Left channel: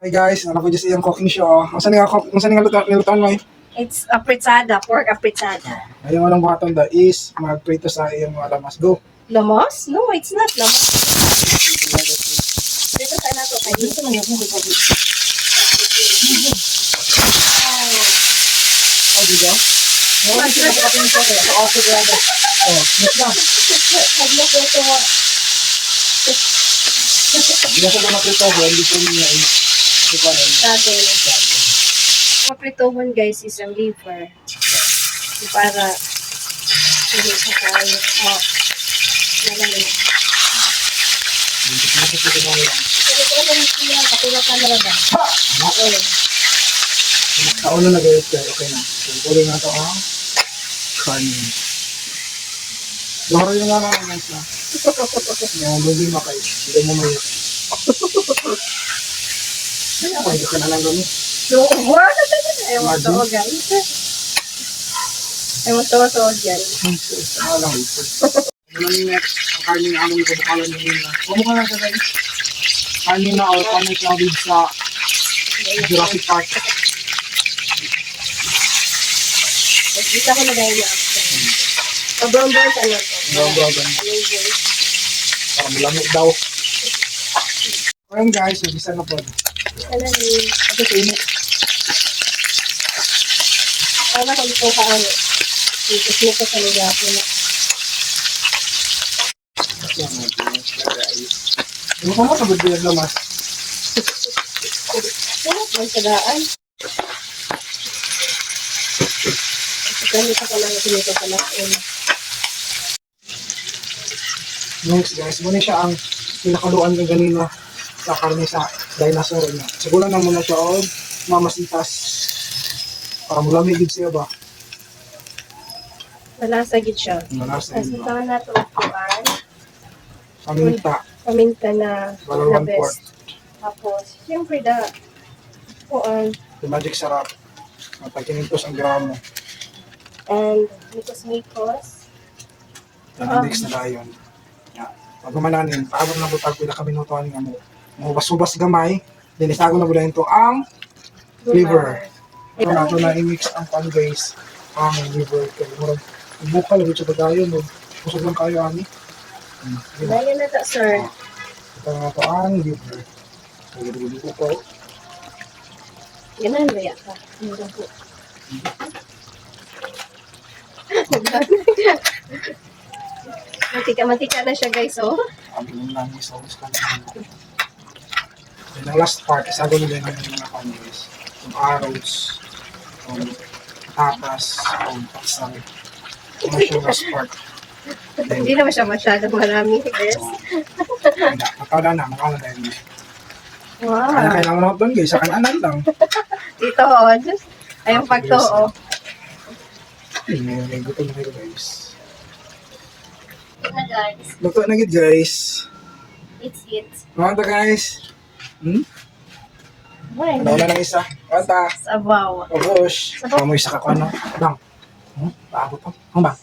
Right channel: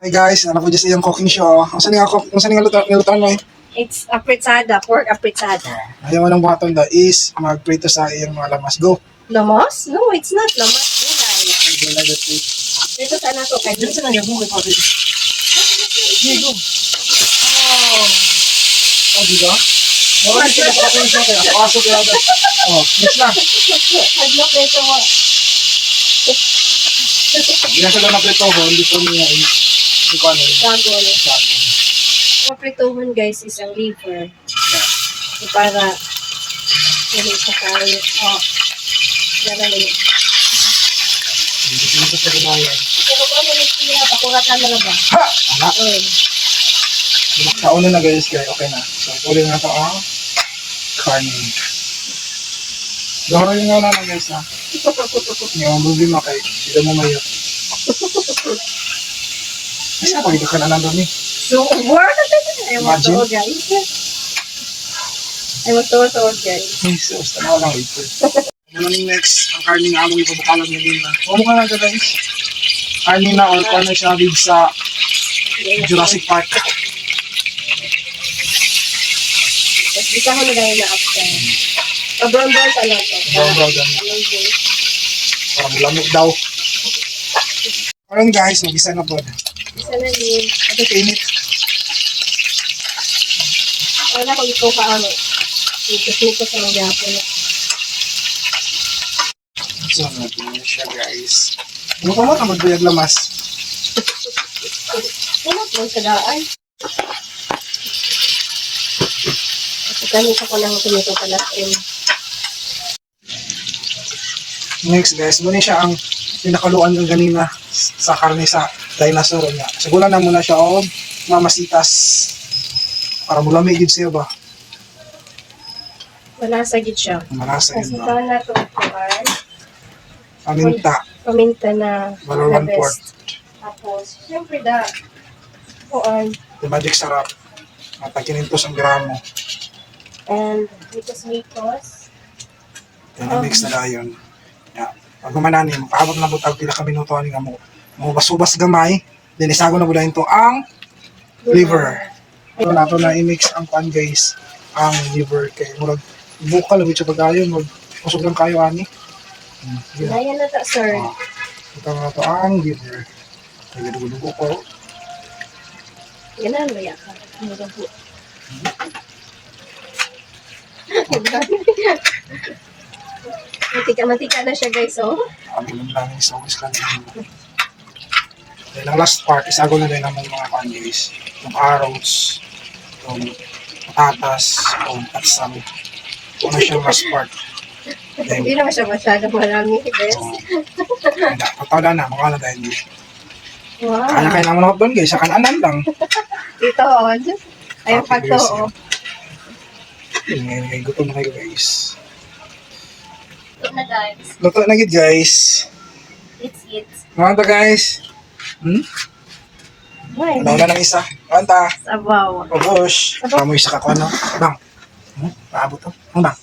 Hi guys, ano po dyan sa iyong cooking show. Kung saan nga nilutaan mo eh? It's apritsada, pork apritsada. Ayaw mo ng buhaton da is magprito sa iyong mga lamas. Go! Lamas? No, it's not lamas. Dito sa nato kay Dito sa nangyay mo kay Pati. Oh, di ba? Wala na sila cooking show kaya ako aso ka na. Oh, next lang. Adlo ko ito. Hindi na sila naprito ko, hindi ko niya eh. Hindi ko ano yun. Dragon. Ang apritohon guys is ang liver. So, para hindi sa tayo. Oh. Ganun yun. Hindi ko na sa kinayan. Pero kung ano siya, pakuratan na ba? Ha! Anak! Okay. Nakaulo na guys, okay na. So, ulit na ito ang carne. Loro yung nga lang guys ha. Yung problema kay, hindi mo mayo. Kasi ako, hindi ka na lang kami. So, what? Ayaw mo Imagine. to, guys. Ayaw mo to, guys. Ay, so, tama lang ito. Ano yung next, ang carne na among ipabukalan nyo din na. O mukha lang ka guys. Carne na or paano siya big sa Jurassic Park. Tapos, isa ko na dahil na after. Pa-brown-brown ka lang to. Brown. Parang lamok daw. Parang guys, mag-isa na po. Isa na din. Ito kainit. Wala ko ito ka ano. Ito sa mga po na. So, natin siya guys. Ano ka mo na magbuyag lamas? Ano po sa daan? Gamit ako lang ito pala. Next guys, muna siya ang pinakaluan ng ganina sa karne sa dinosaur niya. Sigulan na muna siya o mamasitas para mulamig yun siya ba? Malasa gid siya. Malasa Kasi yun ba? taon na ito kuhan. Paminta, Paminta na Balor na 1/4. best. Tapos, siyempre kuhan. Magic sarap. Matakinintos ang gramo. And mikos. Yan, mix na dayon. Yeah. Pag kumananin, paabot na butag pila ka minuto ani nga mo. Mo basubas gamay, then isago na budayon to ang liver. Ito nato na i-mix ang pan guys, ang liver kay murag bukal gyud siya pagayon, mag kusog lang kayo ani. Daya na ta, sir. Ito na to ang liver. Kaya dugo ko. Ganun ba yan ka? Mura po. Mantika na siya guys, oh. Ang lang sa always kan. Then ang last part is ago na din naman yung mga pan guys. Yung arrows, yung patatas, yung patsam. Ano siya last part. Then, Hindi naman siya masyadong marami, guys. patada na, mga dahil di. Wow. Kaya kayo naman doon guys, sa kananan lang. Ito, oh. Just, ayun pag to, oh. Ngayon, gutom na kayo guys. Ito na, guys. Luto na gid guys. It's it. Mga to guys. Why? Ano na ng isa? Kanta. Sabaw. Obosh. Kamu isa ka ko ano? Bang. Paabot to. Bang.